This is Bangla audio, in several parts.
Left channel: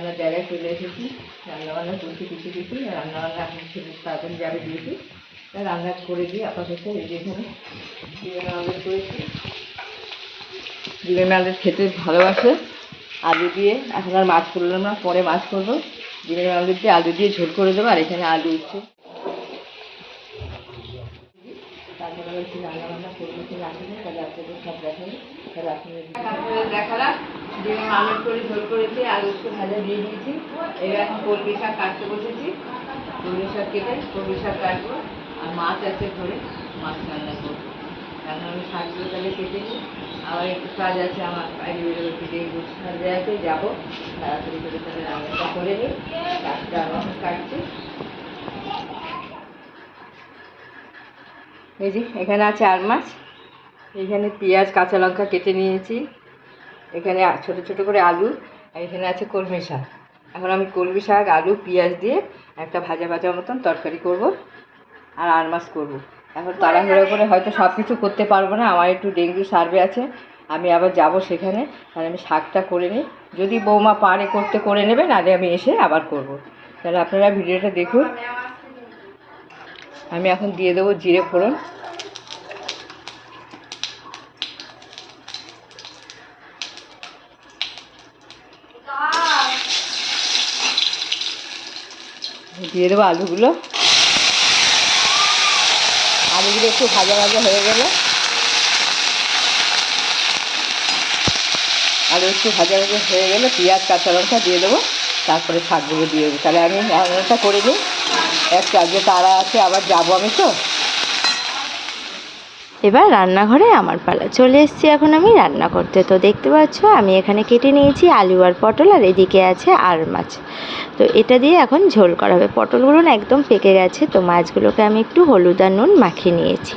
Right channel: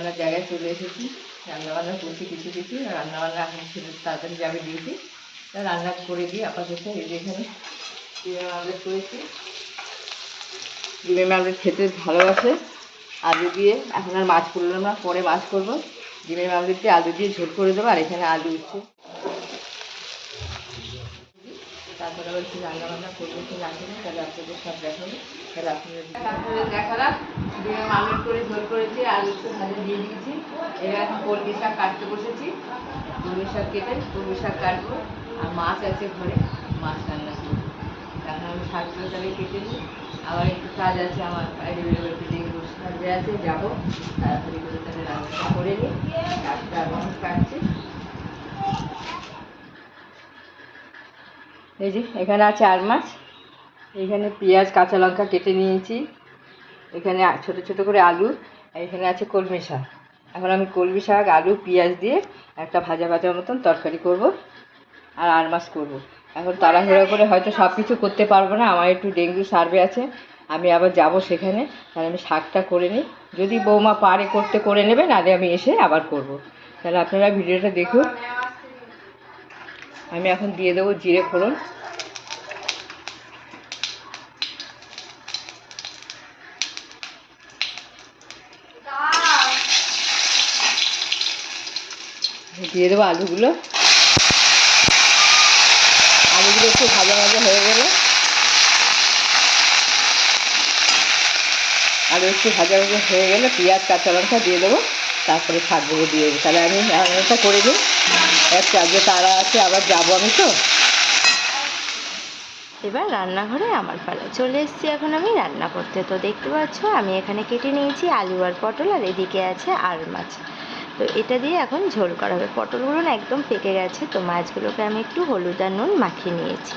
রান্নাবান্নার জায়গায় চলে এসেছি। রান্নাবান্না করছি কিছু কিছু, রান্নাবান্না এখন ছেলে তাড়াতাড়ি যাবে দিয়েছি, রান্না করে দিয়ে আপাতত এই যে এখানে ডিমের আমলেট করেছি। ডিমের আমলেট খেতে ভালোবাসে আলু দিয়ে। এখন আর মাছ করলাম না, পরে মাছ করবো। ডিমের আমলেট দিয়ে আলু দিয়ে ঝোল করে দেবো। আর এখানে আলু উঠছে, তারপরে আবার একটু রান্নাবান্না করবো, তো রাঁধুনি, তাহলে আপনাদের সব দেখাবো। তাহলে আপনাদের দেখালাম ডিমের আমলেট করে ঝোল করেছি, আলু একটু ভাজা দিয়ে দিয়েছি। এবার এখন কলমি শাক কাটতে বসেছি। কলমি শাক কেটে কলমি শাক কাটবো। আর মাছ আছে ঘরে, মাছ রান্না করবো। এখন আমি শাকগুলো তাহলে কেটে নিই। আবার একটু কাজ আছে আমার, একটু ডেঙ্গু সাজে আছে, যাবো তাড়াতাড়ি করে, তাহলে রান্নাটা করে নিই। তারপরে আরও কাটছি। এই যে এখানে আছে আর মাছ, এখানে পেঁয়াজ কাঁচা লঙ্কা কেটে নিয়েছি, এখানে ছোটো ছোটো করে আলু, আর এখানে আছে কলমি শাক। এখন আমি কলমি শাক আলু পেঁয়াজ দিয়ে একটা ভাজা ভাজা মতন তরকারি করব, আর আর মাছ করবো। এখন তাড়াহুড়ো করে হয়তো সব কিছু করতে পারবো না, আমার একটু ডেঙ্গু সার্ভে আছে, আমি আবার যাব সেখানে। তাহলে আমি শাকটা করে নিই, যদি বৌমা পারে করতে করে নেবে, নাহলে আমি এসে আবার করব। তাহলে আপনারা ভিডিওটা দেখুন। আমি এখন দিয়ে দেবো জিরে ফোড়ন, দিয়ে দেবো আলুগুলো। আলুগুলো একটু ভাজা ভাজা হয়ে গেলে, আলু একটু ভাজা ভাজা হয়ে গেলে পেঁয়াজ কাঁচা লঙ্কা দিয়ে দেবো, তারপরে শাকগুলো দিয়ে দেবো। তাহলে আমি রান্নাটা করে নিই, একটা আজকে তাড়া আছে, আবার যাবো আমি তো। এবার রান্নাঘরে আমার পালা, চলে এসেছি এখন আমি রান্না করতে। তো দেখতে পাচ্ছ আমি এখানে কেটে নিয়েছি আলু আর পটল, আর এদিকে আছে আর মাছ। তো এটা দিয়ে এখন ঝোল করা হবে। পটলগুলো না একদম পেকে গেছে, তো মাছগুলোকে আমি একটু হলুদ আর নুন মাখিয়ে নিয়েছি।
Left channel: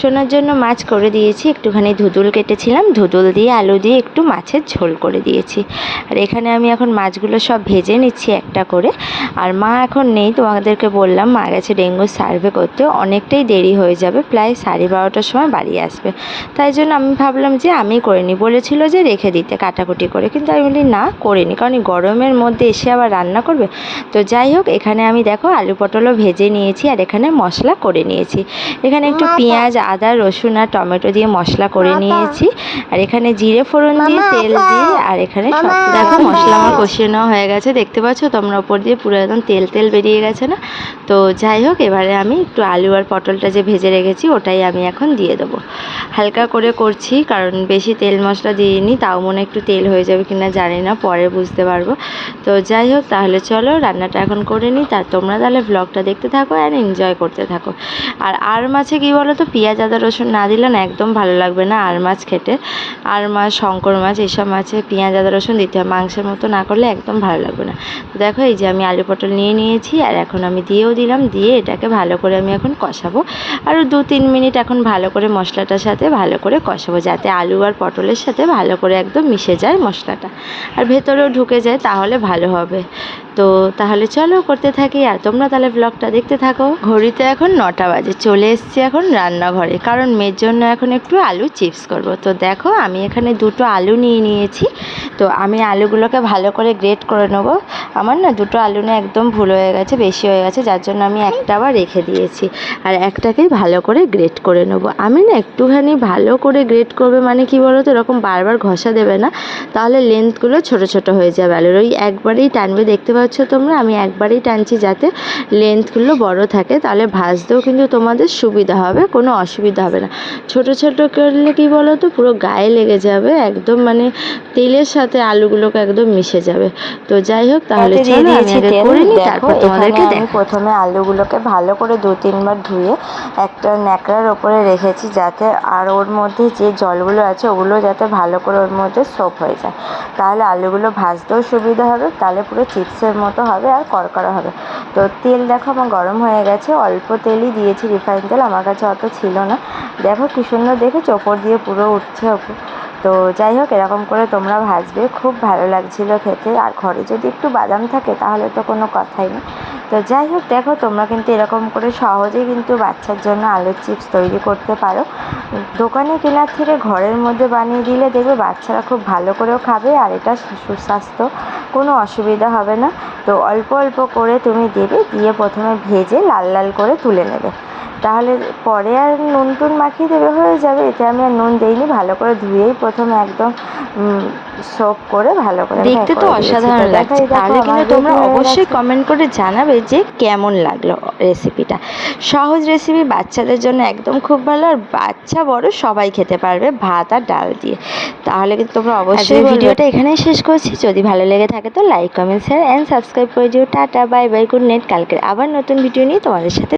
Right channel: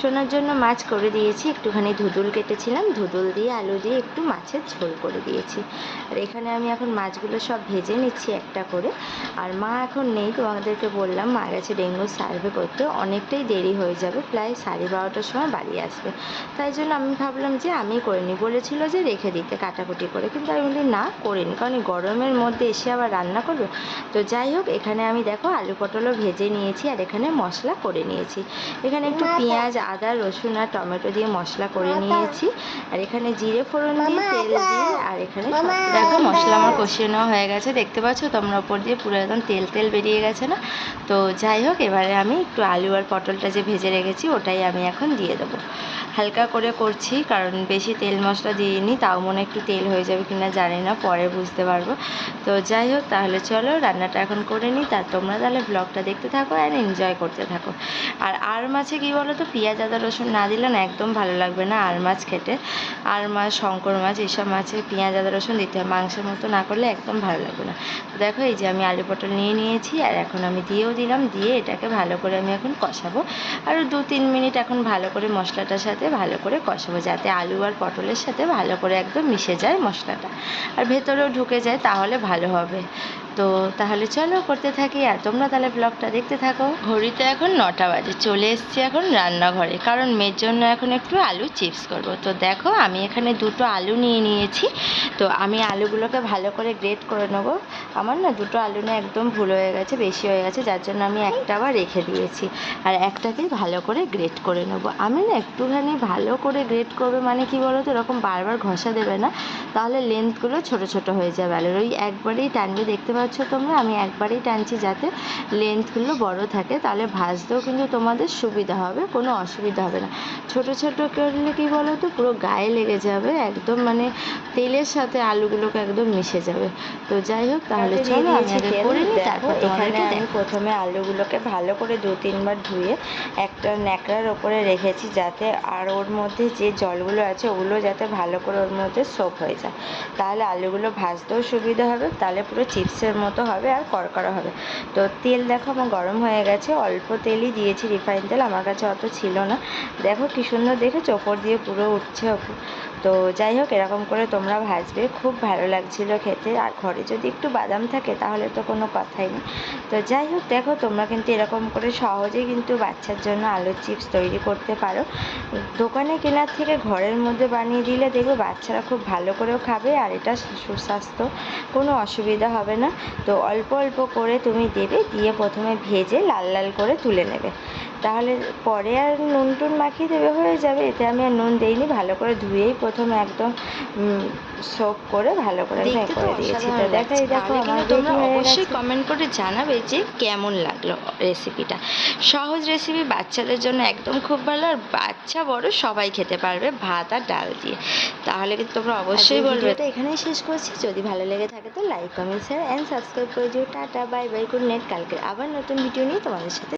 শোনার জন্য মাছ করে দিয়েছি, একটুখানি ধুদুল কেটেছিলাম, ধুদুল দিয়ে আলু দিয়ে একটু মাছের ঝোল করে দিয়েছি। আর এখানে আমি এখন মাছগুলো সব ভেজে নিচ্ছি একটা করে। আর মা এখন নেই, তোমাদেরকে বললাম মা গেছে ডেঙ্গু সার্ভে করতে, অনেকটাই দেরি হয়ে যাবে, প্রায় 12:30টার সময় বাড়ি আসবে। তাই জন্য আমি ভাবলাম যে আমি করে নিই, বলেছিল যে রেখে দিতে কাটাকুটি করে, কিন্তু আমি বলি না করে নিই, কারণ গরমের মধ্যে এসে আবার রান্না করবে। তো যাই হোক, এখানে আমি দেখো আলু পটলও ভেজে নিয়েছি, আর এখানে মশলা করে নিয়েছি। এখানে একটু পেঁয়াজ আদা রসুন আর টমেটো দিয়ে মশলা করে নিয়েছি, আর এখানে জিরে ফোড়ন দিয়ে তেল দিয়ে, আর এখানে সব দেখো মশলা আমার কষিয়ে নেওয়া হয়ে গেছে, দেখতে পাচ্ছ তোমরা, ওপর দিয়ে পুরো একদম তেল তেল বেরিয়ে গেছে না। তো যাই হোক, এবারে আমি একটু আলু আর পটলটা যে ভেজে রেখেছি ওটাই আমি এখন দিয়ে দেবো। হালকা করে করছি, কারণ বেশি তেল মশলা দিইনি, তাও মনে একটু তেল হয়ে যাবে কিনা জানি না, পরে বুঝতে পারবো। তো যাই হোক, তাহলে চলো রান্নাটা এখন করে নিই, তা তোমরা তাহলে ব্লগটা দেখতে থাকো আর এনজয় করতে থাকো। আর মাছে কী বলো তো, পেঁয়াজ আদা রসুন না দিলে না একদম ভালো লাগবে না আর মাছ খেতে। আর মাছ, শঙ্কর মাছ, এইসব মাছে পেঁয়াজ আদা রসুন দিতে হয়, মাংসের মতো না করলে একদম ভালো লাগবে না। তো দেখো এই যে আমি আলু পটল নিয়ে নিয়েছি, আর এখন আমি দিয়েও দিলাম, দিয়ে এটাকে ভালো করে আমি এখন কষাবো। আরও 2-3 মিনিট এখন ভালো করে মশলাটার সাথে ভালো করে কষাবো, যাতে আলু আর পটলের সাথে ভালো করে একদম মিশে যায় মশলাটা, আর ভেতরেও ঢুকে যায়, তাহলে ভালো হবে। তো তাহলে চলো করতে থাকি, আর তোমরা তাহলে ব্লগটা দেখতে থাকো। ঘড়িতে এখন 9টা বাজে, চলে এসেছি এখন রান্নাঘরে, কারণ মেয়ের জন্য এখন একটু আলু চিপস করব। তো দেখো আমি এখানে 2টো আলু নিয়ে নিয়েছি, তো আমি আলুগুলোকে ভালো করে গ্রেট করে নেবো। আমার না 2টো আলু না একদম ভুল হয়ে গেছে, বেশি হয়ে গেছে, যার জন্য আমি একটা আবার রেখে দিয়েছি, আর একটাকেই ভালো করে গ্রেট করে নেবো। আমি না একটুখানি ভালো করে গ্রেট করবে, মানে কি বলো তো, এরকম বারবার ঘষা দেবে না, তাহলে লেন্থগুলো ছোট ছোট হয়ে যাবে আলুর, ওই একবারেই টানবে। দেখতে পাচ্ছ তোমরা, আমি একবারেই টানছি যাতে লেন্থগুলো বড় থাকে, তাহলে ভাজতেও কিন্তু তোমাদের সুবিধা হবে, কোনো অসুবিধা হবে না। ছোট ছোট করলে কি বলো তো, পুরো গায়ে লেগে যাবে একদম, মানে তেলের সাথে আলুগুলোকে একদম মিশে যাবে। তো যাই হোক, তাহলে চলো আমি আগে করে নিই, তারপর তোমাদেরকে আমি প্রথমে আলুগুলোকে ভালো করে 2-3 বার ধুয়ে একটা ন্যাকড়ার ওপরে রেখেছি, যাতে আর ওর মধ্যে যে জলগুলো আছে ওগুলো যাতে ভালো করে ওর মধ্যে সোপ হয়ে যায়, তাহলে আলুগুলো ভাজতেও সুবিধা হবে, তাহলে পুরো চিপসের মতো হবে আর কড়কড়া হবে। তো তেল দেখো আমার গরম হয়ে গেছে, অল্প তেলই দিয়েছি, রিফাইন তেল আমার কাছে অত ছিল না। দেখো কি সুন্দর দেখেছো, ওপর দিয়ে পুরো উঠছে তো যাই হোক, এরকম করে তোমরা ভাজবে, খুব ভালো লাগছিল খেতে। আর ঘরে যদি একটু বাদাম থাকে তাহলে তো কোনো কথাই নেই। তো যাই হোক, দেখো তোমরা কিন্তু এরকম করে সহজেই কিন্তু বাচ্চার জন্য আলুর চিপস তৈরি করতে পারো। দোকানে কেনার থেকে ঘরের মধ্যে বানিয়ে দিলে দেখবে বাচ্চারা খুব ভালো করেও খাবে, আর এটা সুস্বাস্থ্য, কোনো অসুবিধা হবে না। তো অল্প অল্প করে তুমি দেবে, দিয়ে প্রথমে ভেজে লাল লাল করে তুলে নেবে, তাহলে পরে আর নুন টুন মাখিয়ে দেবে, হয়ে যাবে। এতে আমি আর নুন দেইনি, ভালো করে ধুয়েই প্রথমে একদম সোপ করে ভালো করে দেখতে তো অসাধারণ লাগছে। তাহলে কিন্তু তোমরা অবশ্যই কমেন্ট করে জানাবে যে কেমন লাগলো রেসিপিটা। সহজ রেসিপি, বাচ্চাদের জন্য একদম খুব ভালো, আর বাচ্চা বড় সবাই খেতে পারবে ভাত আর ডাল দিয়ে। তাহলে কিন্তু তোমরা অবশ্যই ভিডিওটা এখানেই শেষ করছি। যদি ভালো লেগে থাকে তো like, comment, share and subscribe করে দিও। Tata, bye bye, good night. কালকে আবার নতুন ভিডিও নিয়ে তোমাদের সাথে